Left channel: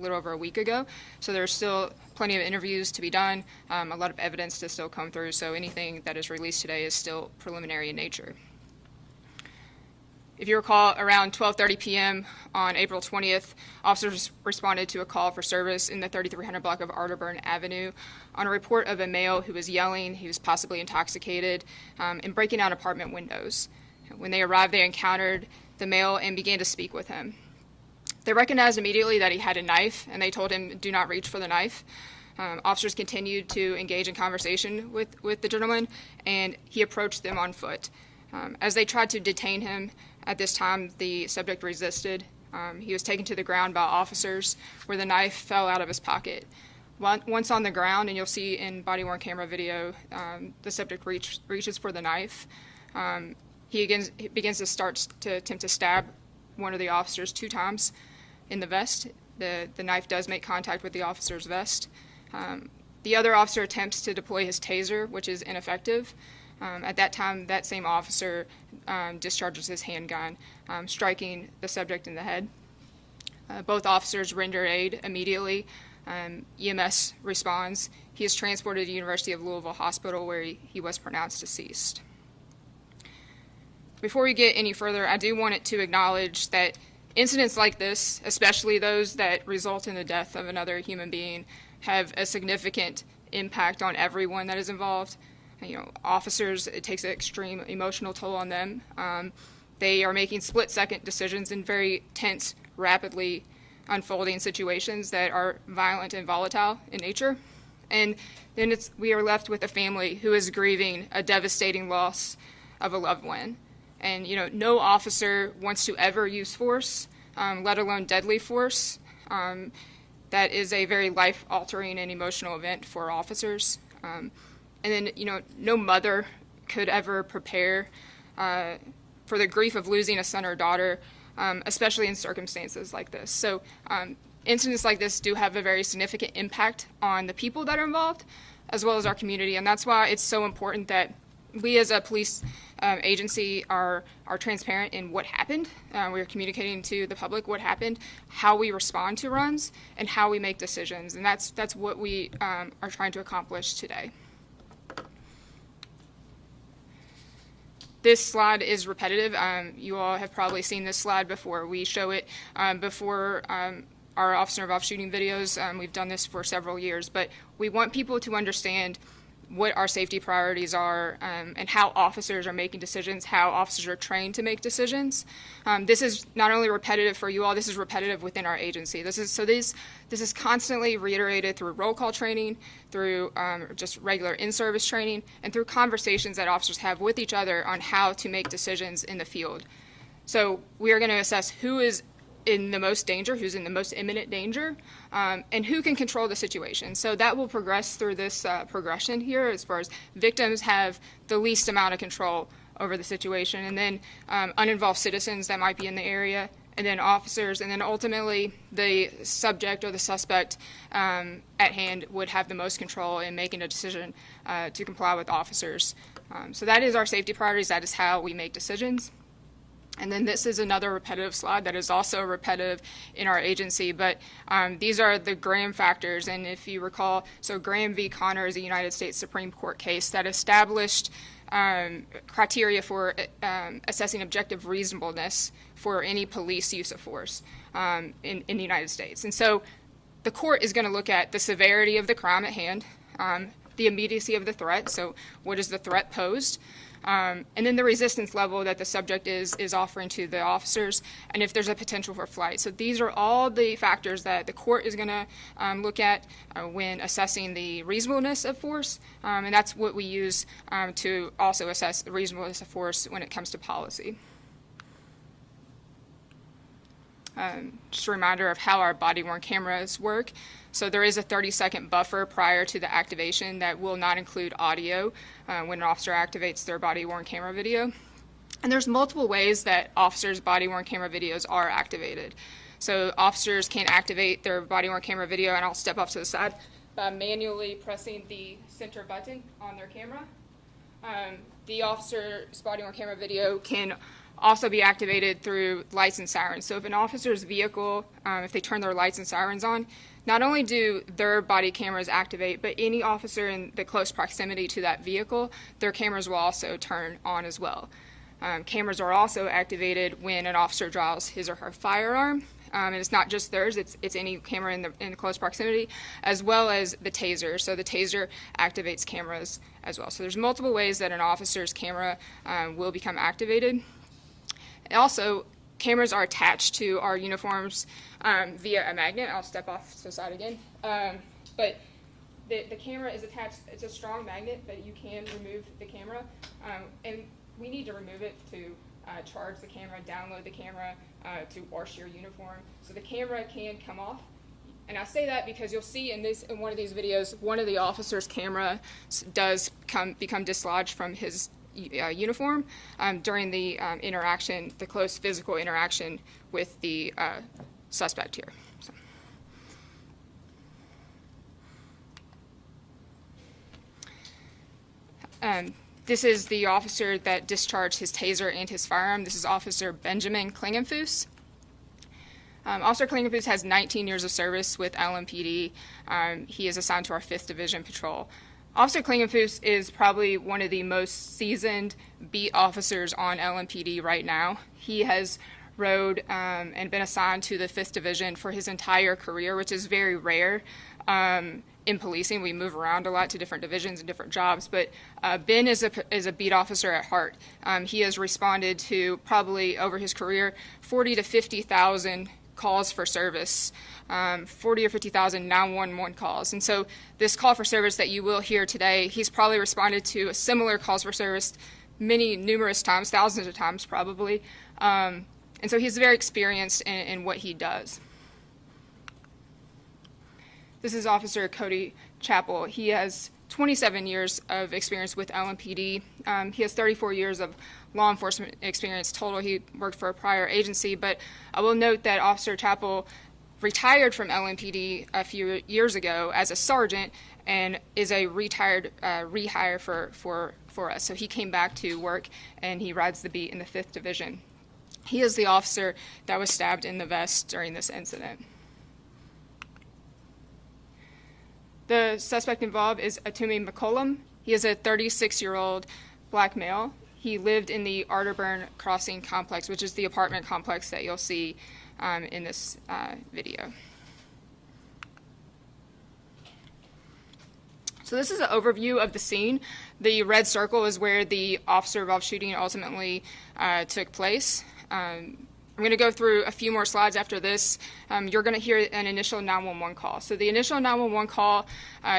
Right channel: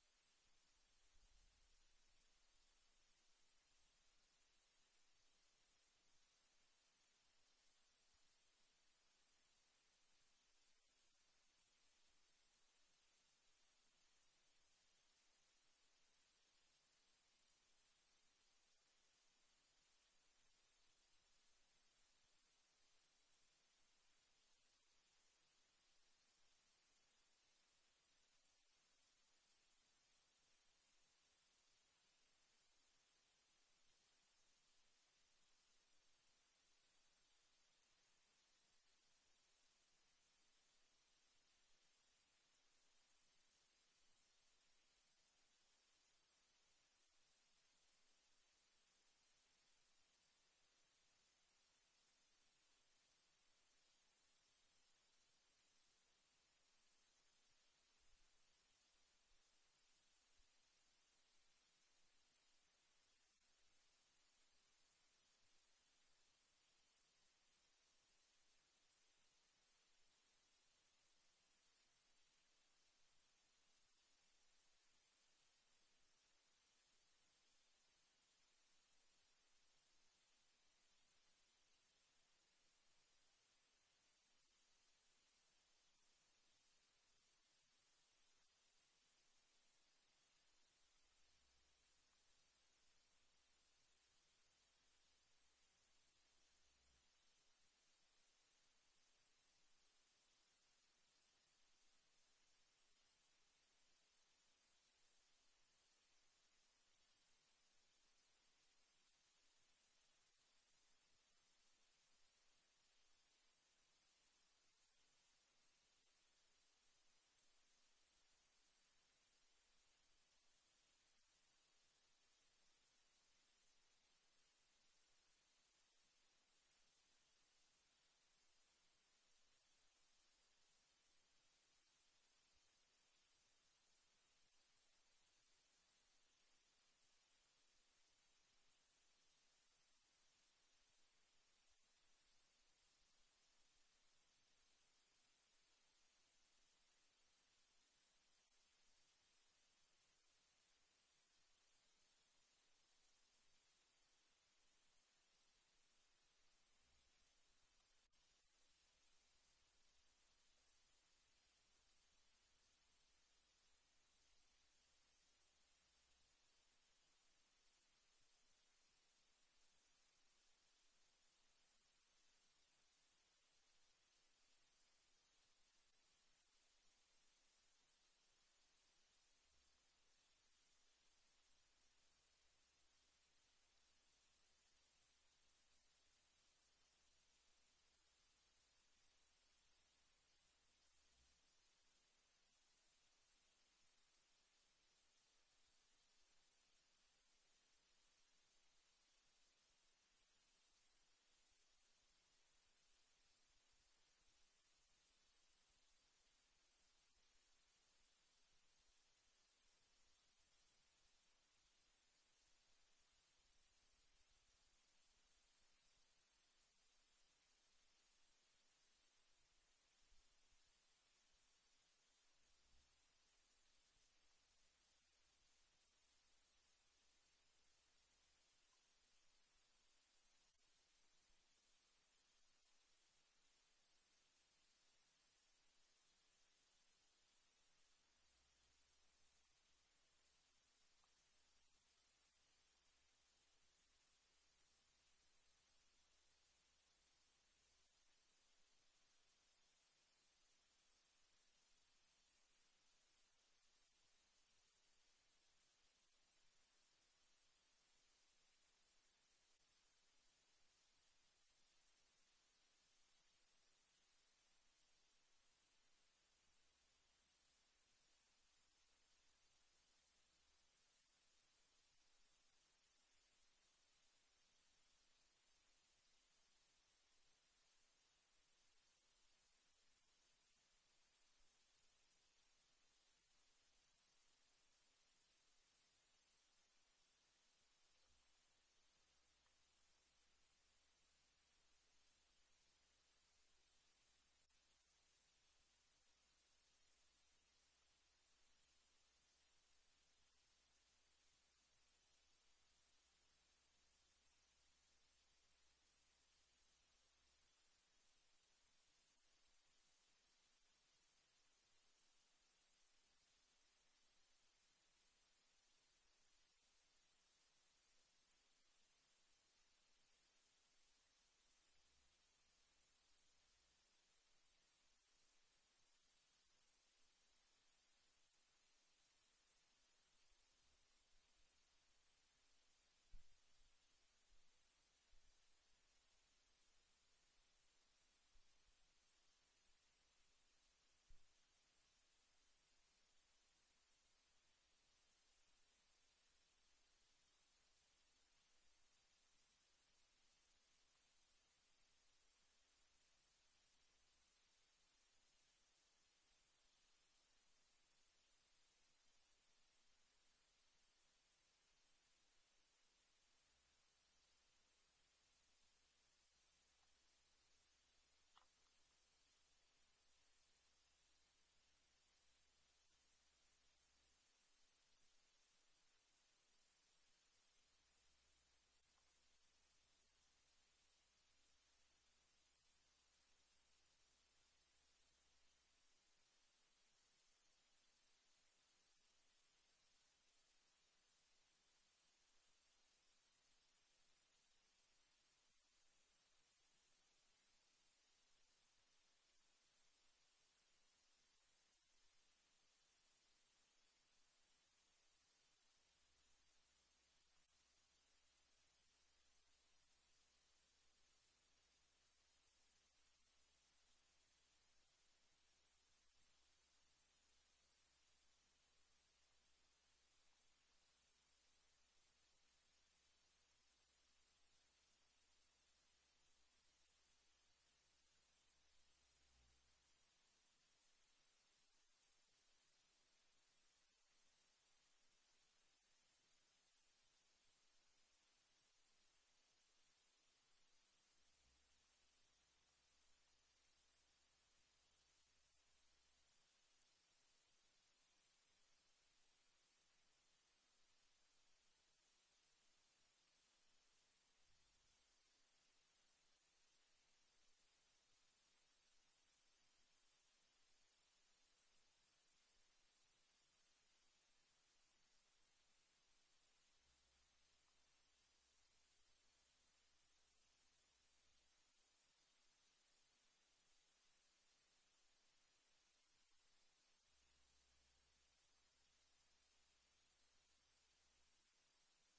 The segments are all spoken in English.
little over a week ago. So there's still plenty of interviews to be done, a lot of evidence to still come through. So anything that is released today is still preliminary in nature. If you recall, around 12:30 p.m. on April 20th, officers responded to a call for service in the 3300 block of Arterburn Avenue on a report of a male who was yelling, he was possibly intoxicated, and breaking out apartment windows. When they arrived, they encountered the male and began to speak with him. They recognized immediately that he had a knife, and they told him, do not reach for the knife. Officers continued to engage in conversation with the gentleman, and he approached them on foot. As they tried to detain him, at this time, the subject resisted. He was taken to the ground by officers where the knife fell out of his pocket. Once on the ground, and you'll see in body-worn camera video, the subject reaches for the knife. He begins to attempt to stab one of the officers 2 times in the vest. The knife does make contact with the officer's vest. The other officer attempts to deploy his taser, which is ineffective. At that time, that same officer discharges his handgun, striking the subject in the head. Both officers render aid immediately. EMS responds. He is transported to the University of Louisville Hospital, where he was pronounced deceased. Before we get any further, I do want to acknowledge that incidents like this, especially those that result in the death of another human being, have a significant impact on everyone that is involved. Officers, it takes an extreme emotional toll on them. They are making split-second decisions in very tense, rapidly unfolding situations that are violent and volatile in nature. And then we are left with a family who is grieving a devastating loss of a loved one. And no officer wants to ever use force, let alone deadly force. That is a very life-altering and emotional event for officers. And then, no mother could ever prepare for the grief of losing a son or daughter, especially in circumstances like this. So incidents like this do have a very significant impact on the people that are involved, as well as our community. And that's why it's so important that we as a police agency are transparent in what happened. We are communicating to the public what happened, how we respond to runs, and how we make decisions. And that's what we are trying to accomplish today. This slide is repetitive. You all have probably seen this slide before. We show it before our officer involved shooting videos. We've done this for several years, but we want people to understand what our safety priorities are and how officers are making decisions, how officers are trained to make decisions. This is not only repetitive for you all, this is repetitive within our agency. This is constantly reiterated through roll call training, through just regular in-service training, and through conversations that officers have with each other on how to make decisions in the field. So we are going to assess who is in the most danger, who's in the most imminent danger, and who can control the situation. So that will progress through this progression here as far as victims have the least amount of control over the situation, and then uninvolved citizens that might be in the area, and then officers, and then ultimately the subject or the suspect at hand would have the most control in making a decision to comply with officers. So that is our safety priorities. That is how we make decisions. And then this is another repetitive slide that is also repetitive in our agency, but these are the Graham factors. And if you recall, so Graham v. Connor is a United States Supreme Court case that established criteria for assessing objective reasonableness for any police use of force in the United States. And so the court is going to look at the severity of the crime at hand, the immediacy of the threat, so what is the threat posed, and then the resistance level that the subject is offering to the officers, and if there's a potential for flight. So these are all the factors that the court is going to look at when assessing the reasonableness of force, and that's what we use to also assess the reasonableness of force when it comes to policy. Just a reminder of how our body-worn cameras work. So there is a 30-second buffer prior to the activation that will not include audio when an officer activates their body-worn camera video. And there's multiple ways that officers' body-worn camera videos are activated. So officers can activate their body-worn camera video, and I'll step off to the side, by manually pressing the center button on their camera. The officer's body-worn camera video can also be activated through lights and sirens. So if an officer's vehicle, if they turn their lights and sirens on, not only do their body cameras activate, but any officer in the close proximity to that vehicle, their cameras will also turn on as well. Cameras are also activated when an officer draws his or her firearm. And it's not just theirs, it's any camera in close proximity, as well as the taser. So the taser activates cameras as well. So there's multiple ways that an officer's camera will become activated. Also, cameras are attached to our uniforms via a magnet. I'll step off to the side again. But the camera is attached, it's a strong magnet, but you can remove the camera. And we need to remove it to charge the camera, download the camera, to wash your uniform. So the camera can come off. And I say that because you'll see in one of these videos, one of the officer's camera does become dislodged from his uniform during the interaction, the close physical interaction with the suspect here. So. This is the officer that discharged his taser and his firearm. This is Officer Benjamin Klingenfuss. Officer Klingenfuss has 19 years of service with LMPD. He is assigned to our 5th Division Patrol. Officer Klingenfuss is probably one of the most seasoned beat officers on LMPD right now. He has rode and been assigned to the 5th Division for his entire career, which is very rare. In policing, we move around a lot to different divisions and different jobs, but Ben is a beat officer at heart. He has responded to probably over his career 40 to 50,000 calls for service, 40 or 50,000 911 calls. And so this call for service that you will hear today, he's probably responded to a similar calls for service numerous times, thousands of times probably. And so he's very experienced in what he does. This is Officer Cody Chappell. He has 27 years of experience with LMPD. He has 34 years of law enforcement experience total. He worked for a prior agency, but I will note that Officer Chappell retired from LMPD a few years ago as a sergeant and is a retired rehire for us. So he came back to work and he rides the beat in the 5th Division. He is the officer that was stabbed in the vest during this incident. The suspect involved is Atumi McCollum. He is a 36-year-old black male. He lived in the Arterburn Crossing complex, which is the apartment complex that you'll see in this video. So this is an overview of the scene. The red circle is where the officer-involved shooting ultimately took place. I'm going to go through a few more slides after this. You're going to hear an initial 911 call. So the initial 911 call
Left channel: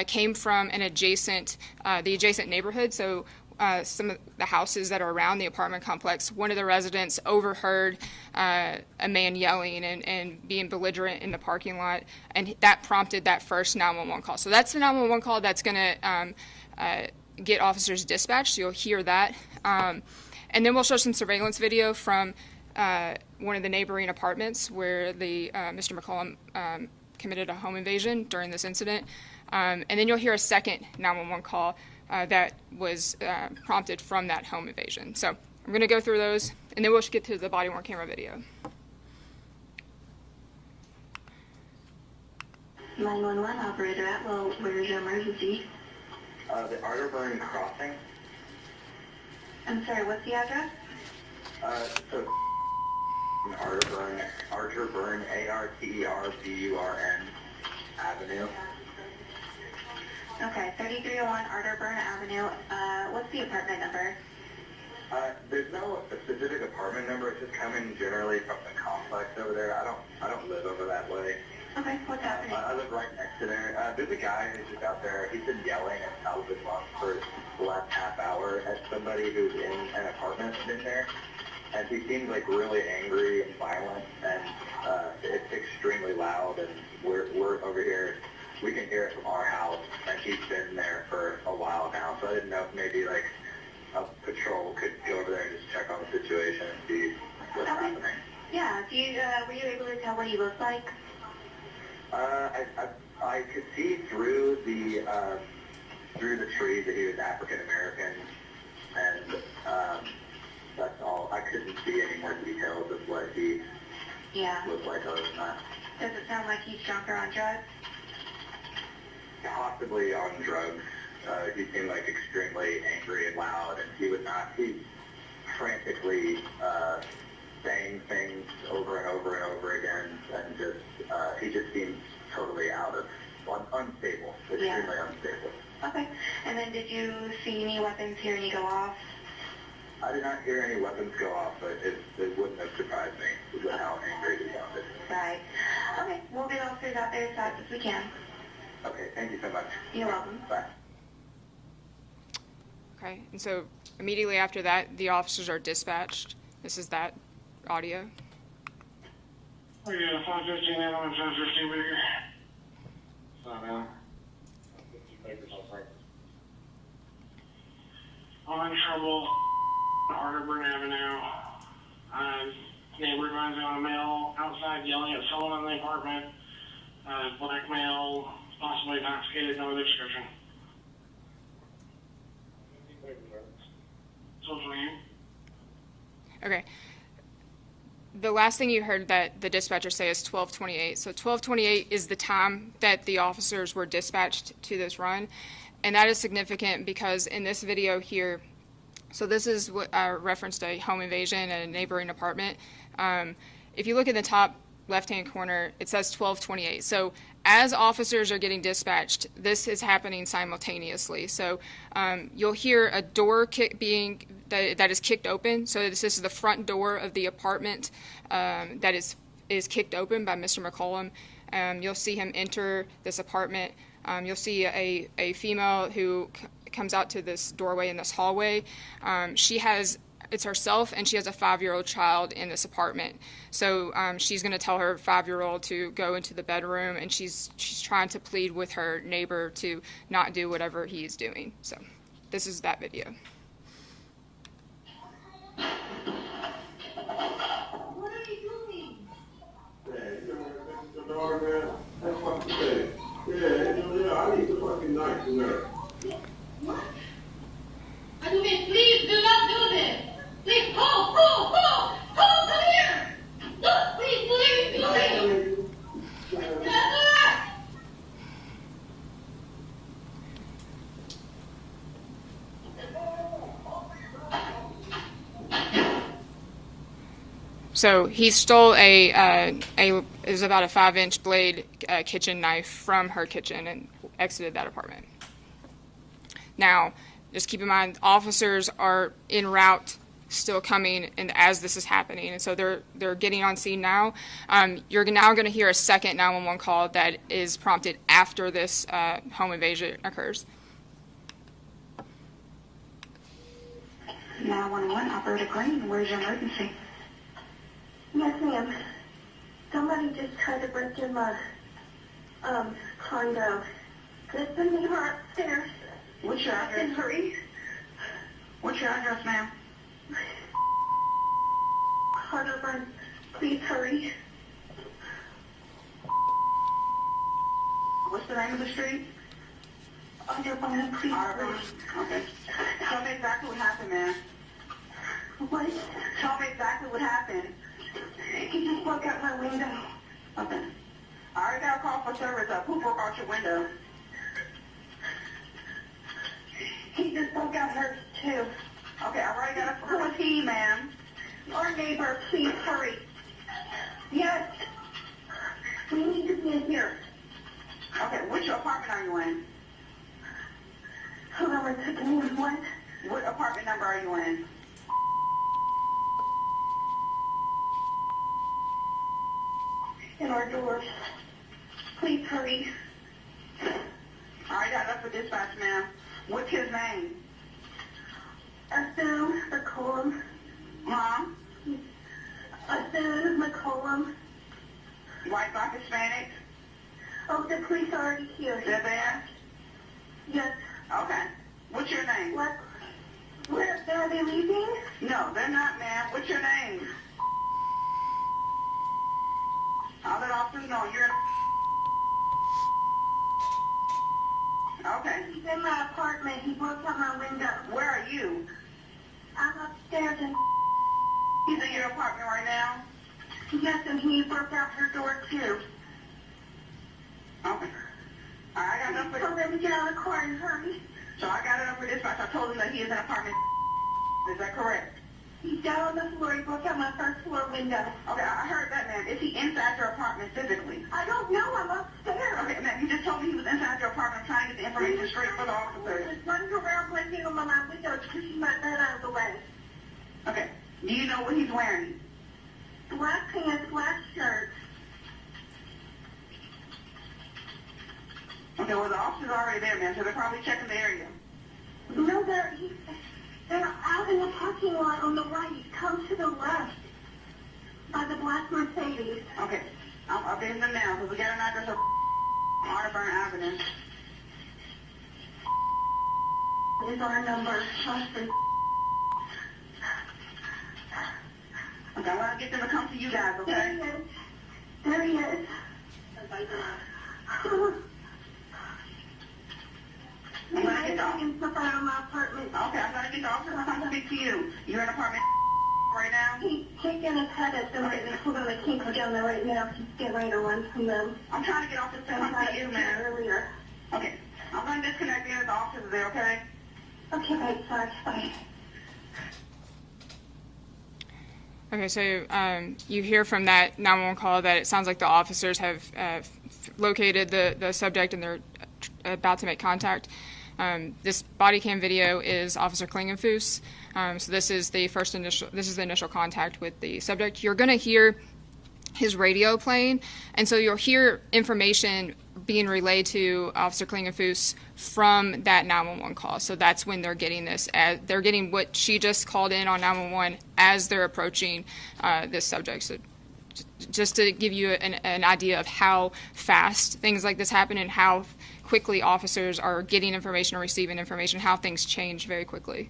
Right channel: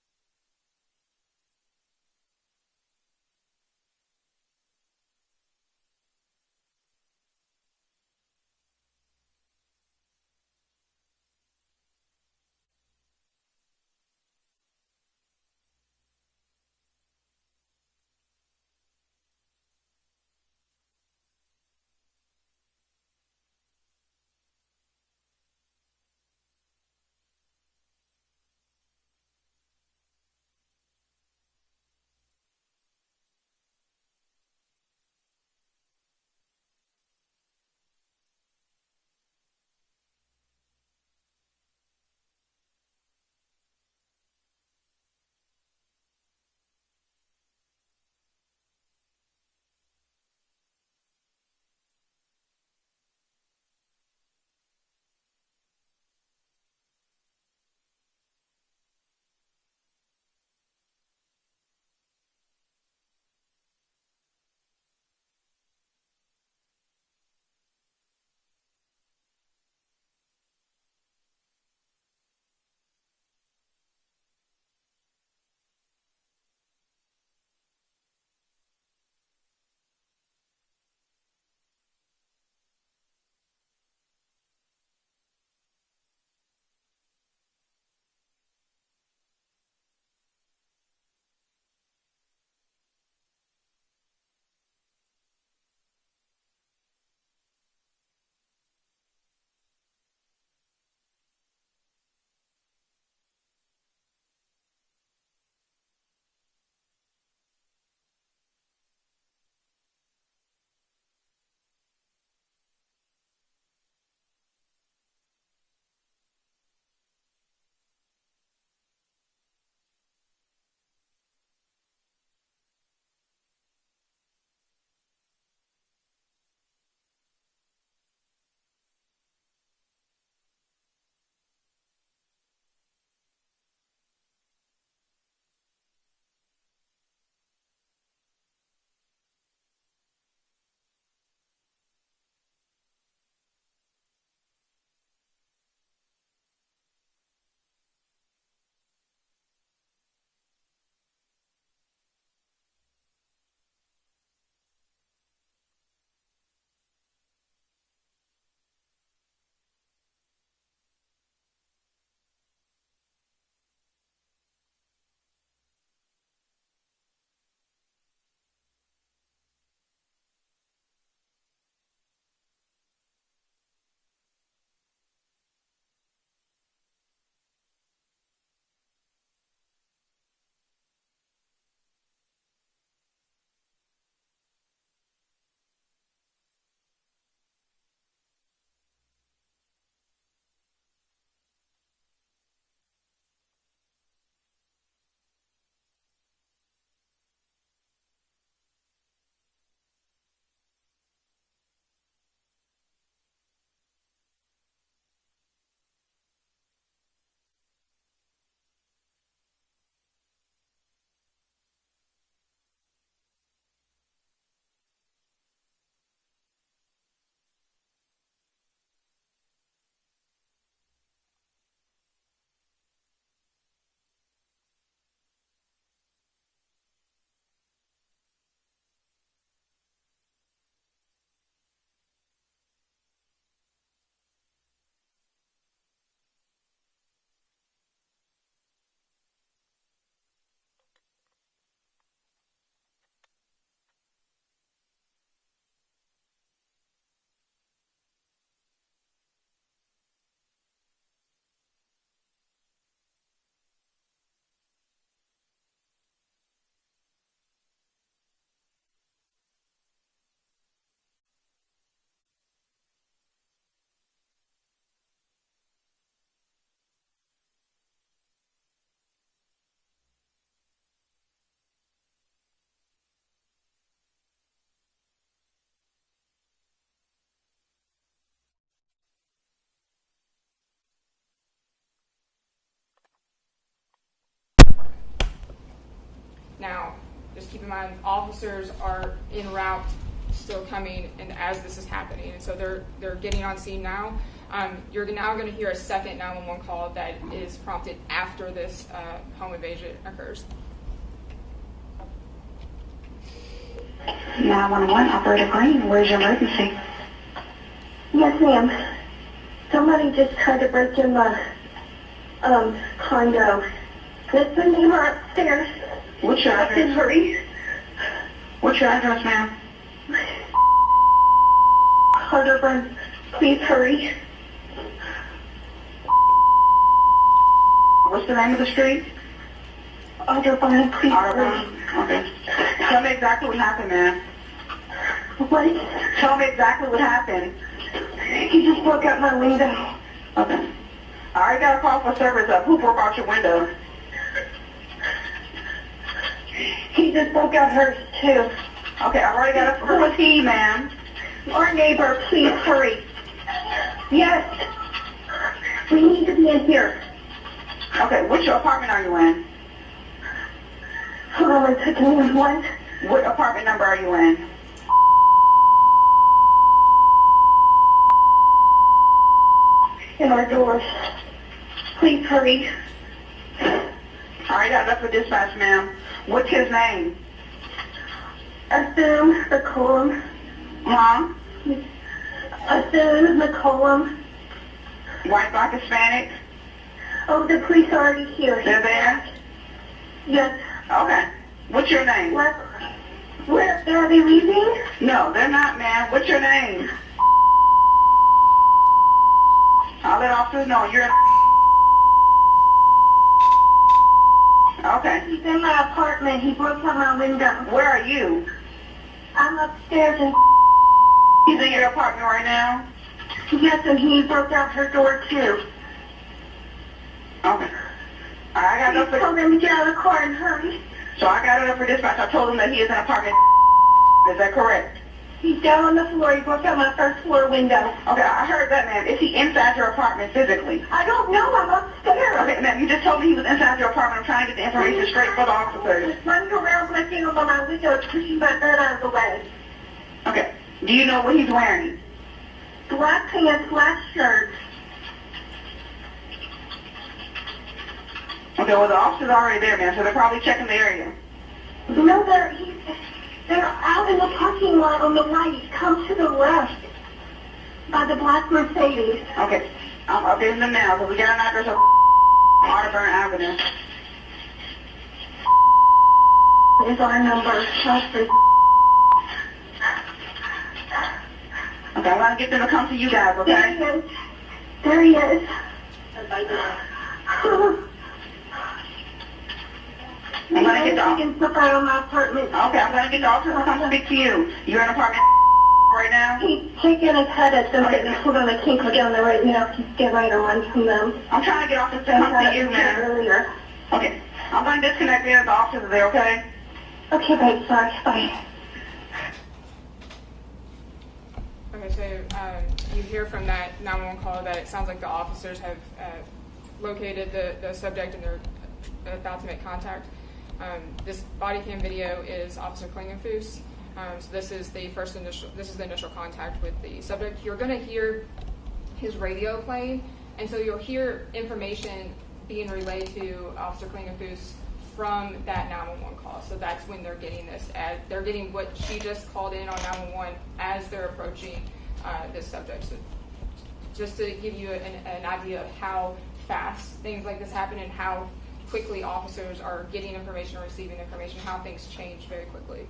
came from the adjacent neighborhood. So some of the houses that are around the apartment complex, one of the residents overheard a man yelling and being belligerent in the parking lot, and that prompted that first 911 call. So that's the 911 call that's going to get officers dispatched. So you'll hear that. And then we'll show some surveillance video from one of the neighboring apartments where the Mr. McCollum committed a home invasion during this incident. And then you'll hear a second 911 call that was prompted from that home invasion. So I'm going to go through those, and then we'll get to the body-worn camera video. 911 operator Atwell, where is your emergency? The Arterburn Crossing. I'm sorry, what's the address? So Arterburn, A-R-T-E-R-B-U-R-N Avenue. Okay, 3301 Arterburn Avenue. What's the apartment number? There's no specific apartment number. It's just coming generally from the complex over there. I don't live over that way. Okay, what's happening? I live right next to there. There's a guy who's just out there. He's been yelling and shouting for the last half hour at somebody who's in an apartment in there. And he seems like really angry and violent, and it's extremely loud, and we're over here, we can hear it from our house, and he's been there for a while now, so I didn't know if maybe like a patrol could go over there and just check on the situation and see what's happening. Yeah, were you able to tell what he looked like? I could see through the trees that he was African American, and that's all. I couldn't see any more details of what he looked like other than that. Does it sound like he's drunk or on drugs? Possibly on drugs. He seemed like extremely angry and loud, and he's frantically saying things over and over and over again, and he just seems totally unstable, extremely unstable. Okay. And then did you see any weapons hear any go off? I did not hear any weapons go off, but it wouldn't have surprised me with how angry he sounded. Right. Okay. We'll get officers out there as fast as we can. Okay, thank you so much. You're welcome. Bye. Okay, and so immediately after that, the officers are dispatched. This is that audio. We got a 515 now, and 515 bigger. Stop now. I'm in trouble on Arterburn Avenue. Neighbor finds out a male outside yelling at someone in the apartment. Black male, possibly intoxicated, no other description. Social you. Okay. The last thing you heard that the dispatcher say is 12:28. So 12:28 is the time that the officers were dispatched to this run. And that is significant because in this video here, so this is what referenced a home invasion at a neighboring apartment. If you look in the top left-hand corner, it says 12:28. So as officers are getting dispatched, this is happening simultaneously. So you'll hear a door that is kicked open. So this is the front door of the apartment that is kicked open by Mr. McCollum. You'll see him enter this apartment. You'll see a female who comes out to this doorway in this hallway. It's herself, and she has a 5-year-old child in this apartment. So she's going to tell her 5-year-old to go into the bedroom, and she's trying to plead with her neighbor to not do whatever he is doing. So this is that video. What are you doing? That's what you say. Yeah, I need the fucking knife in there. What? I mean, please do not do this. Please, Paul, come here. Look, please, So he stole it was about a 5-inch blade kitchen knife from her kitchen and exited that apartment. Now, just keep in mind, officers are en route, still coming, and as this is happening, and so they're getting on scene now. You're now going to hear a second 911 call that is prompted after this home invasion occurs. 911, Operator Green, where's your emergency? Yes, ma'am. Somebody just tried to break in my condo. Let's send him upstairs. What's your address? Hurry. What's your address, ma'am? Arterburn, please hurry. What's the name of the street? Arterburn, please Arterburn. hurry. Okay. Tell me exactly what happened, ma'am. What? Tell me exactly what happened. He just broke out my window. Okay. I already got a call for service up. Who broke out your window? He just broke out hers, too. Okay, I already got a... Who was he, ma'am? Our neighbor, please hurry. Yes. We need to be in here. Okay, which apartment are you in? Hold on one second. What? What apartment number are you in? In our doors. Please hurry. I already got enough for dispatch, ma'am. What's his name? Assume the column. Huh? Assume the column. White, black, Hispanic? Oh, the police are already here. They're there? Yes. Okay. What's your name? Where are they leaving? No, they're not, ma'am. What's your name? I'll let officers know you're... Okay. He's in my apartment. He broke out my window. Where are you? I'm upstairs in He's in your apartment right now? Yes, and he broke out her door too. Okay. All right, I got it up Please tell for, them to get out of the car and hurry. so I got it up for dispatch. I told him that he is in apartment. Is that correct? He's down on the floor. He broke out my first floor window. Okay, I heard that, ma'am. Is he inside your apartment physically? I don't know. I'm upstairs. Okay, ma'am, you just told me he was inside your apartment. I'm trying to get the information straight for the officers. He's running around looking over my window, pushing my bed out of the way. Okay. Do you know what he's wearing? Black pants, black shirt. Okay, well, the officer's already there, ma'am, so they're probably checking the area. No, they're out in the parking lot on the right. Come to the left by the black Mercedes. Okay. I'm updating them now, so we got an address of Marburn Avenue. Is our number. Trust me. Okay, I'm going to get them to come to you guys, There okay? he is. There he is. I'm going to get the taking stuff out of my apartment. Okay, I'm going to get the officer to come speak to you. You're in apartment right now? He's shaking his head at them, and hold on, I can't go down there right now. He's getting ready to run from them. I'm trying to get officers to come to you, ma'am. Earlier. Okay. I'm going to disconnect there. The officers are there, okay? Okay, babe, sorry. Bye. Okay, so you hear from that 911 call that it sounds like the officers have located the subject and they're about to make contact. This body cam video is Officer Klingenfuss. So this is the initial contact with the subject. You're going to hear his radio playing, and so you'll hear information being relayed to Officer Klingenfuss from that 911 call. So that's when they're getting this. They're getting what she just called in on 911 as they're approaching this subject. So just to give you an idea of how fast things like this happen and how quickly officers are getting information or receiving information, how things change very quickly.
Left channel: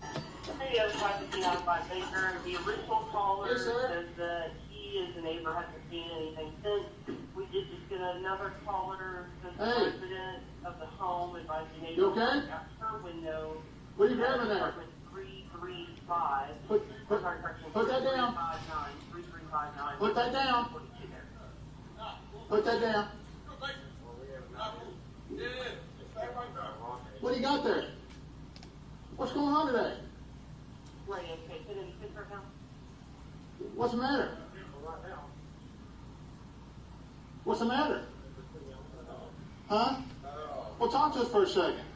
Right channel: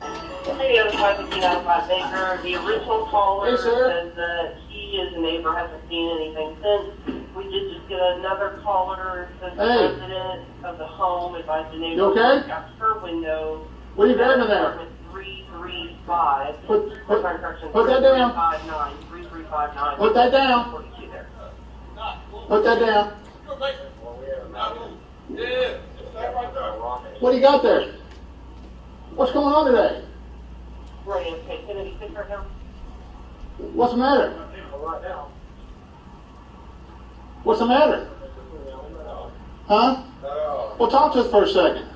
Hey, Baker. The original caller says that he as a neighbor hasn't seen anything since. We did just get another caller that says the resident of the home advised the neighbor got her window. What are you doing in there? 335. Put that down. 3359. Put that down. Put that down. What do you got there? What's going on today? Right, okay. Can he sit right now? What's the matter? What's the matter? Huh? Well, talk to us for a second.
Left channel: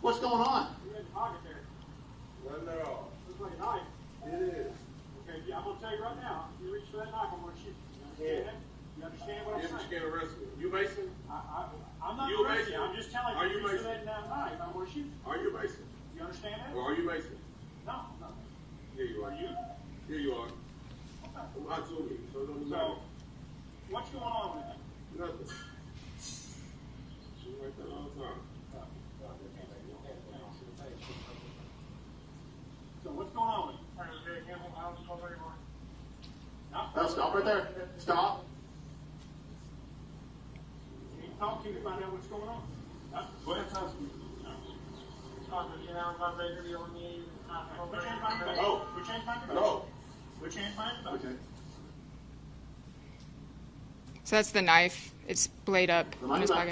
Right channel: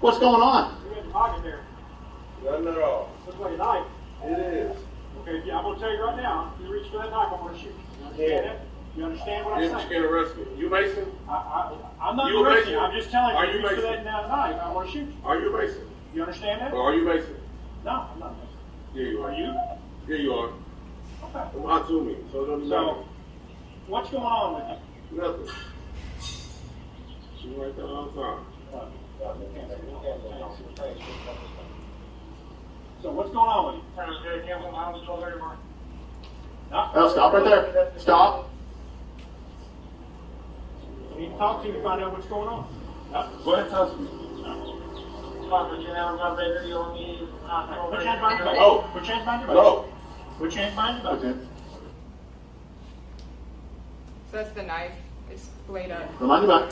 What's going on? Nothing at all. Looks like a knife. It is. Okay, yeah, I'm gonna tell you right now, if you reach for that knife, I'm gonna shoot you. You understand that? You understand what I'm saying? You're gonna arrest me. You Mason? I'm not You arresting you, Mason? I'm just telling you, Are if you you reach for Mason? that knife, I'm gonna shoot you. Are you Mason? You understand that? Or are you Mason? No, I'm not. Here you are. Are you? Here you are. Okay. Lie to me. So it doesn't matter. So, what's going on with you? Nothing. She right there all the time. So what's going on with you? Oh, stop right there. Stop. You need to talk to you to find out what's going on. Go ahead and touch me. Put your hands behind your back. No. Put your hands behind your back. No. Put your hands behind your back. Okay. So that's the knife. It's blade up. Remind me back.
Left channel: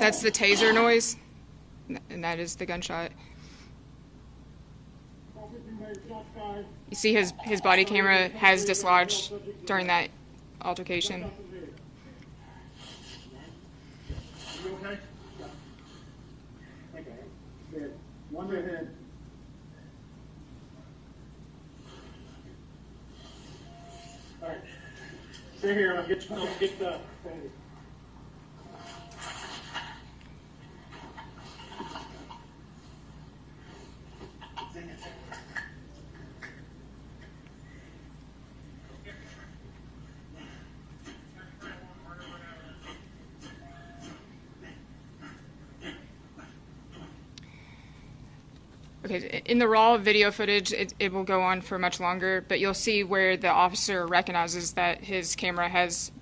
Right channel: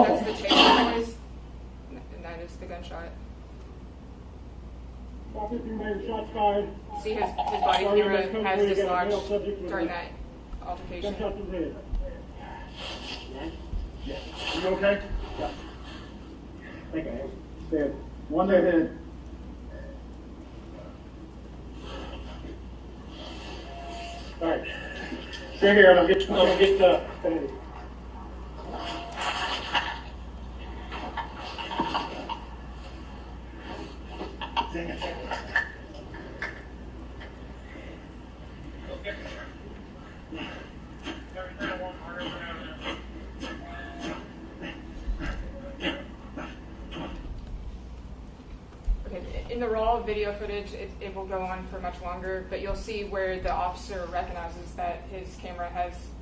That's the taser noise, and that is the gunshot. You see his body camera has dislodged during that altercation. You okay? Yeah. Okay. Dead. One dead head. All right. Stay here, and I'll get Okay, in the raw video footage, it will go on for much longer, but you'll see where the officer recognizes that his camera has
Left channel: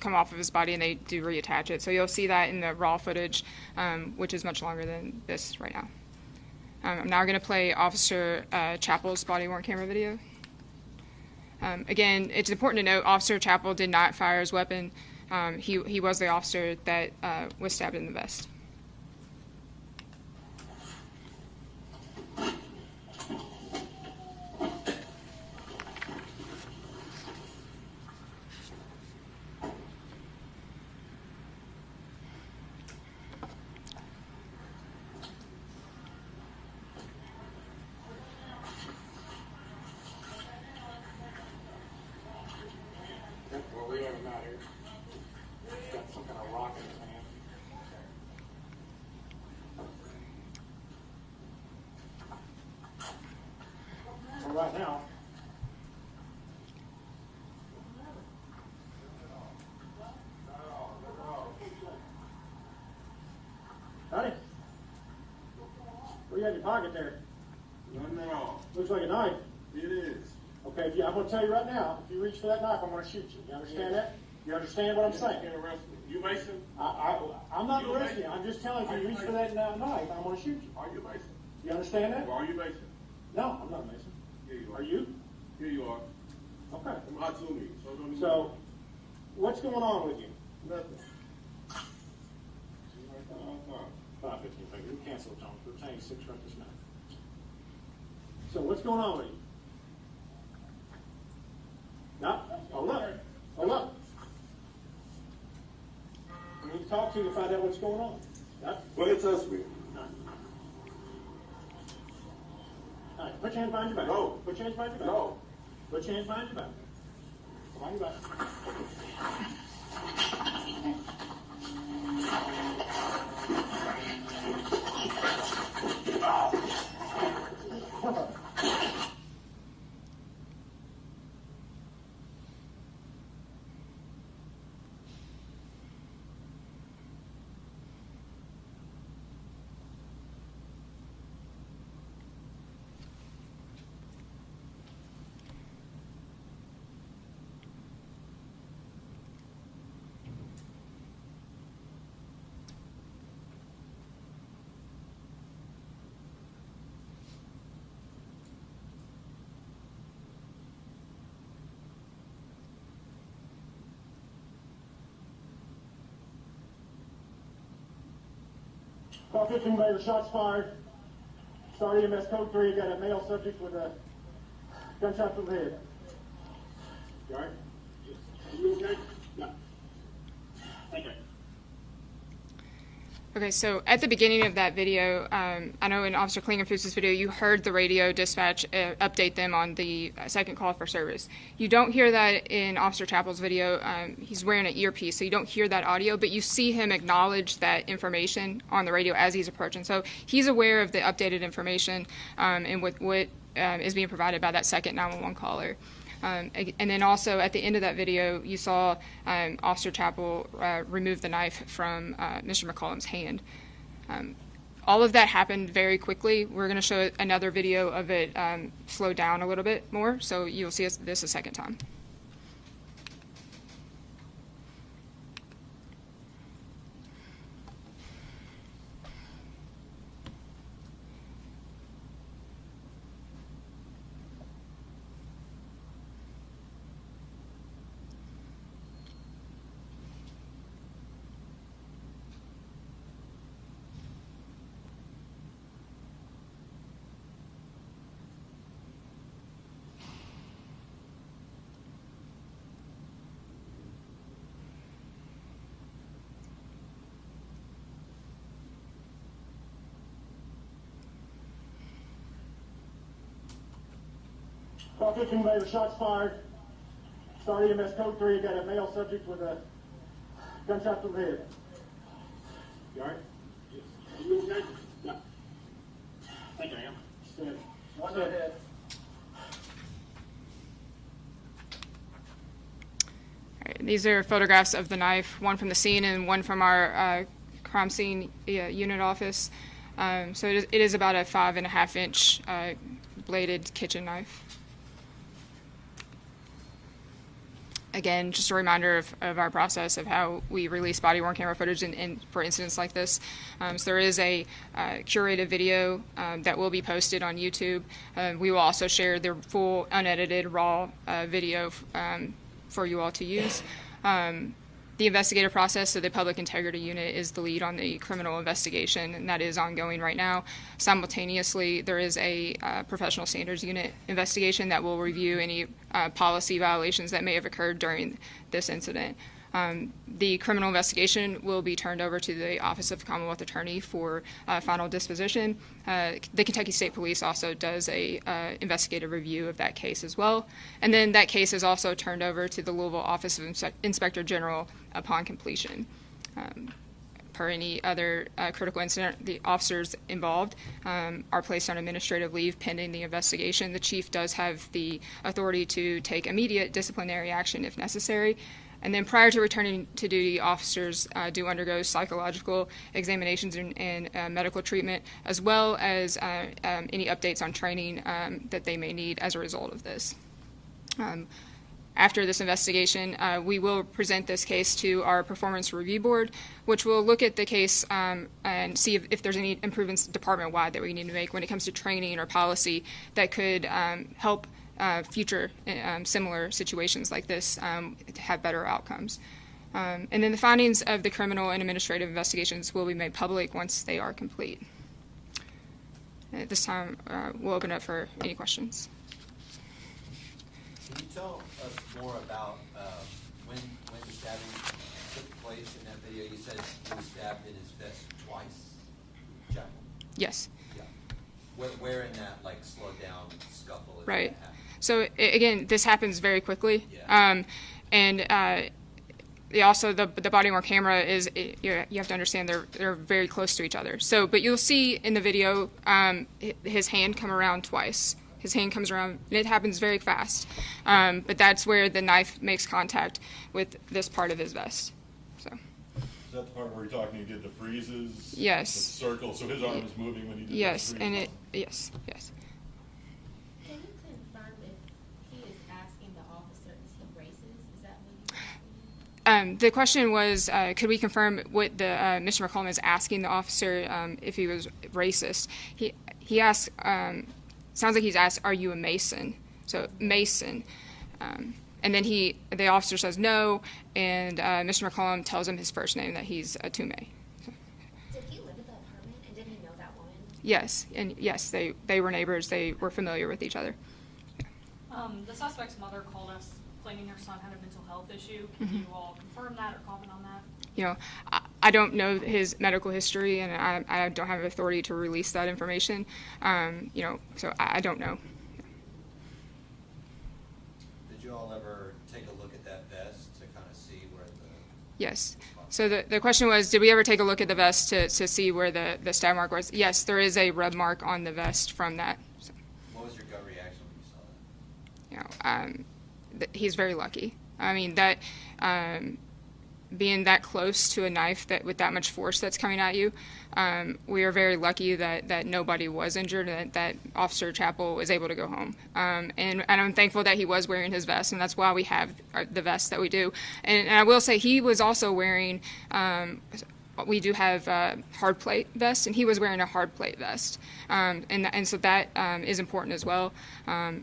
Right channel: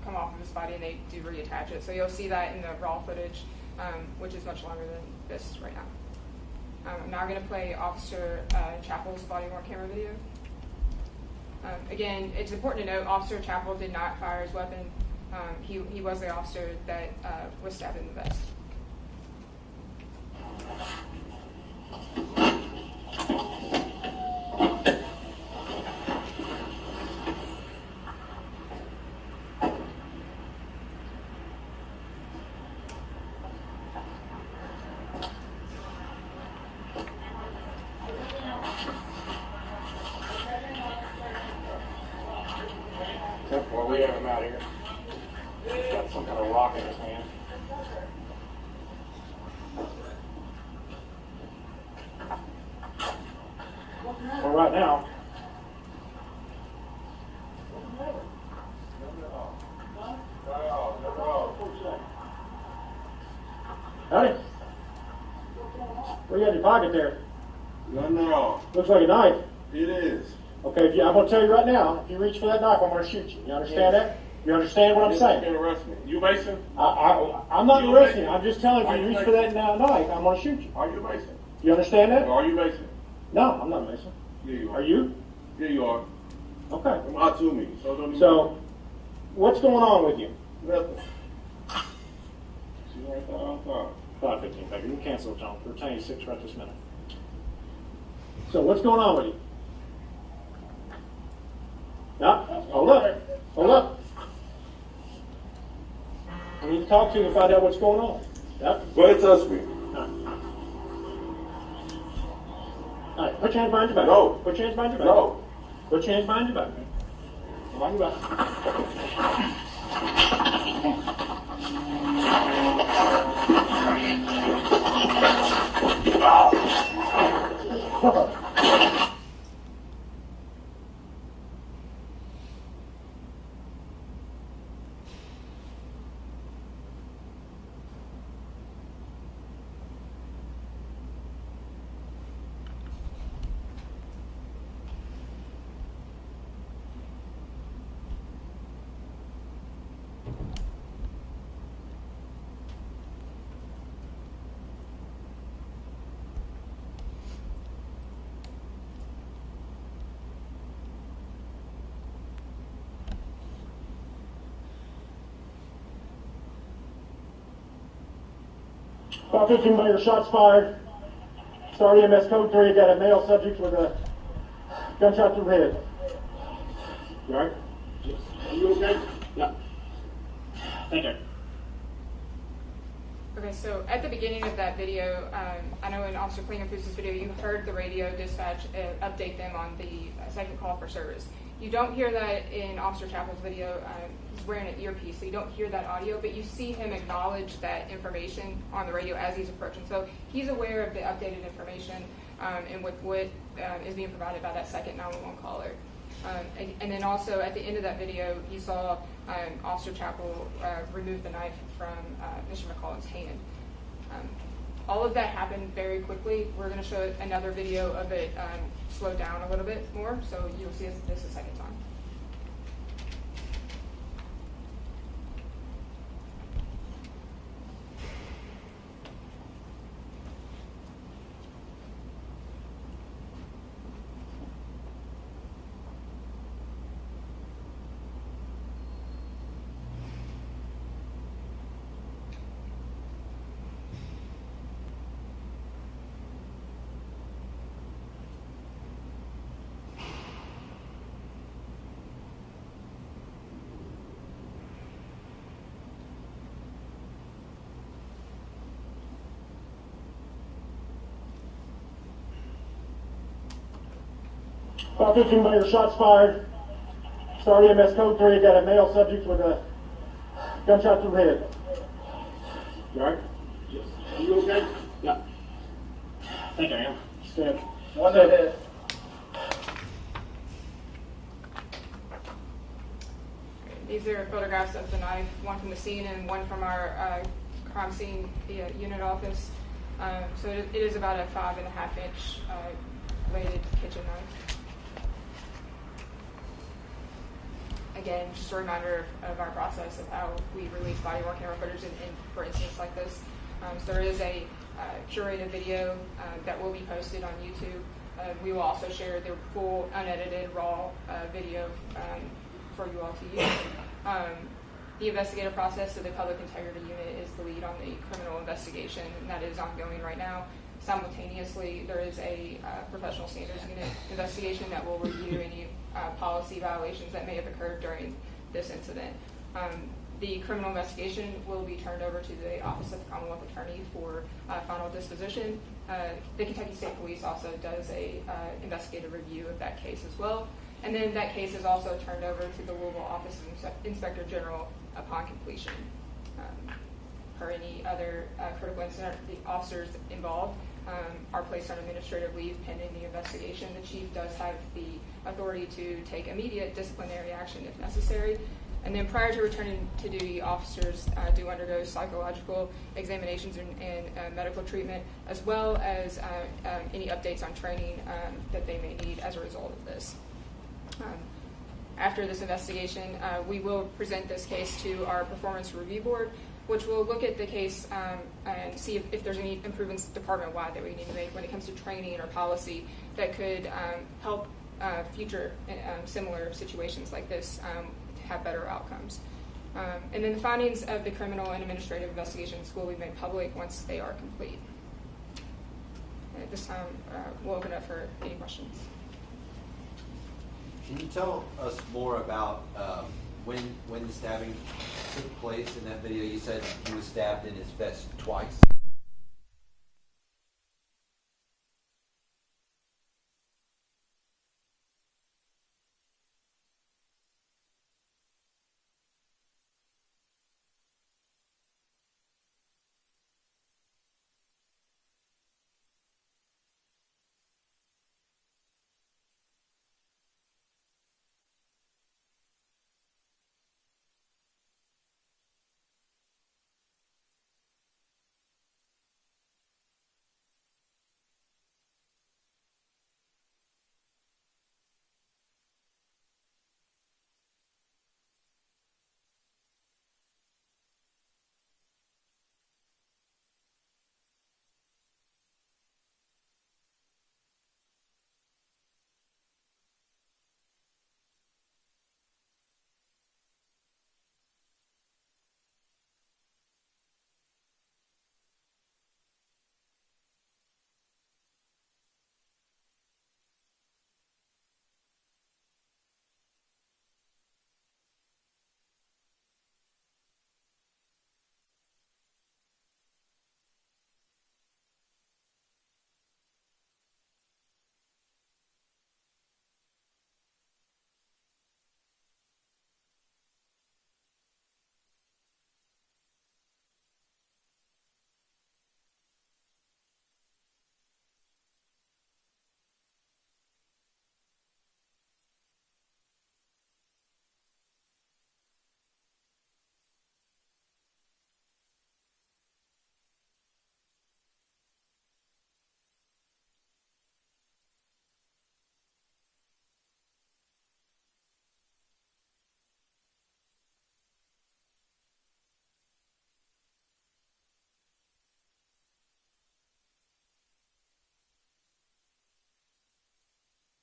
come off of his body and they do reattach it. So you'll see that in the raw footage, which is much longer than this right now. I'm now going to play Officer Chappell's body-worn camera video. Again, it's important to note Officer Chappell did not fire his weapon. He was the officer that was stabbed in the vest. Well, we have him out here. He's got some kind of rock in his hand. Well, right now. Howdy. What do you got in your pocket there? Nothing wrong. Looks like a knife. It is. Okay, I'm going to tell you right now, if you reach for that knife, I'm going to shoot you. You understand that? You understand what I'm saying? You can't arrest me. You Mason? I'm not You arresting you. Mason? I'm just telling you, Are if you you reach for that knife, I'm going to shoot you. Are you Mason? You understand that? Are you Mason? No, I'm not Mason. Yeah, you Are you? Yeah, you are. Okay. Come out to me. So, what's going on with you? Nothing. See right there outside. 5:15, baby. You can cancel it, John. We're telling you 6 right this minute. So, what's going on with you? No, hold up. Hold up. I need to talk to you to find out what's going on. Yep. Go ahead, touch me. All right, put your hands behind your back. No. Put your hands behind your back. No. Put your hands behind your back. Behind your back. About 15 later, shots fired. Start EMS code 3. Got a male subject with a gunshot to the head. You all right? Are you okay? Yeah. Thank you. Okay, so at the beginning of that video, I know in Officer Klingenfuss's video, you heard the radio dispatch update them on the second call for service. You don't hear that in Officer Chappell's video. He's wearing an earpiece, so you don't hear that audio, but you see him acknowledge that information on the radio as he's approaching. So he's aware of the updated information and with what is being provided by that second 911 caller. And then also at the end of that video, you saw Officer Chappell remove the knife from Mr. McCollum's hand. All of that happened very quickly. We're going to show another video of it slow down a little bit more, so you'll see this a second time. About 15 later, shots fired. Start EMS code 3. Got a male subject with a gunshot to the head. You all right? Yes. Are you okay? Yeah. I think I am. Stand. One head. These are photographs of the knife, one from the scene and one from our crime scene unit office. So it is about a 5.5-inch bladed kitchen knife. Again, just a reminder of our process of how we release body-worn camera footage for incidents like this. So there is a curated video that will be posted on YouTube. We will also share the full unedited raw video for you all to use. The investigative process, so the Public Integrity Unit is the lead on the criminal investigation, and that is ongoing right now. Simultaneously, there is a Professional Standards Unit investigation that will review any policy violations that may have occurred during this incident. The criminal investigation will be turned over to the Office of the Commonwealth Attorney for final disposition. The Kentucky State Police also does a investigative review of that case as well. And then that case is also turned over to the Louisville Office of Inspector General upon completion. Per any other critical incident, the officers involved are placed on administrative leave pending the investigation. The chief does have the authority to take immediate disciplinary action if necessary. And then prior to returning to duty, officers do undergo psychological examinations and medical treatment, as well as any updates on training that they may need as a result of this. After this investigation, we will present this case to our Performance Review Board, which will look at the case and see if there's any improvements department-wide that we need to make when it comes to training or policy that could help future similar situations like this to have better outcomes. And then the findings of the criminal and administrative investigations will be made public once they are complete. At this time, we'll open up for any questions. Can you tell us more about when the stabbing took place in that video? You said he was stabbed in his vest twice. Yeah. Yes. Yeah. Where in that slowed down scuffle? Right. So again, this happens very quickly, yeah. Also the body-worn camera is you have to understand they're very close to each other. So, but you'll see in the video his hand come around twice. His hand comes around, and it happens very fast. But that's where the knife makes contact with this part of his vest. So. Is that the part where you're talking? He did the freezes. Yes. The circle. So his arm is moving when he did. Yes, the and freezes. yes. Can you confirm if he is asking the officer, is he racist? Is that what you're asking? The question was, could we confirm what the Mr. McCollum is asking the officer if he was racist? He asked. Sounds like he's asked, "Are you a Mason?" So Mason, and then the officer says no, and Mr. McCollum tells him his first name, that he's a Tume. So. Did he live at the apartment, and did he know that woman? Yes, and yes, they were neighbors. They were familiar with each other. The suspect's mother called us claiming her son had a mental health issue. Can you all confirm that or comment on that? You know, I don't know his medical history, and I don't have authority to release that information. So I don't know. Did you all ever take a look at that vest to kind of see where the... Yes. So the question was, did we ever take a look at the vest to see where the stab mark was? Yes, there is a rub mark on the vest from that. So. What was your gut reaction when you saw that? He's very lucky. I mean, that being that close to a knife with that much force that's coming at you, we are very lucky that nobody was injured, and that Officer Chappell was able to go home. And I'm thankful that he was wearing his vest, and that's why we have the vest that we do. And I will say he was also wearing, we do have hard plate vests, and he was wearing a hard plate vest. And so that is important as well.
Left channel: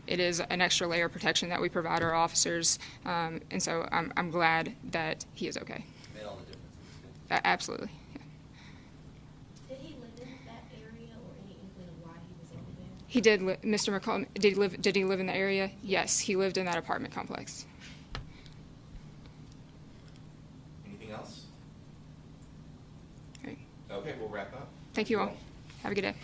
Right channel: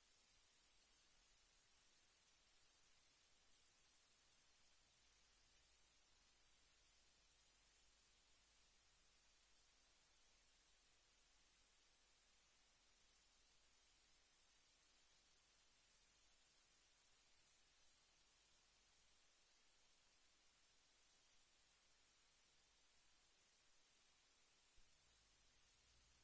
It is an extra layer of protection that we provide our officers, and so I'm glad that he is okay. Made all the difference. Absolutely. Yeah. Did he live in that area, or any inkling of why he was over there? He did. Mr. McCollum, did he live in the area? Yes, he lived in that apartment complex. Anything else? Right. Okay, we'll wrap up. Thank you all. Have a good day.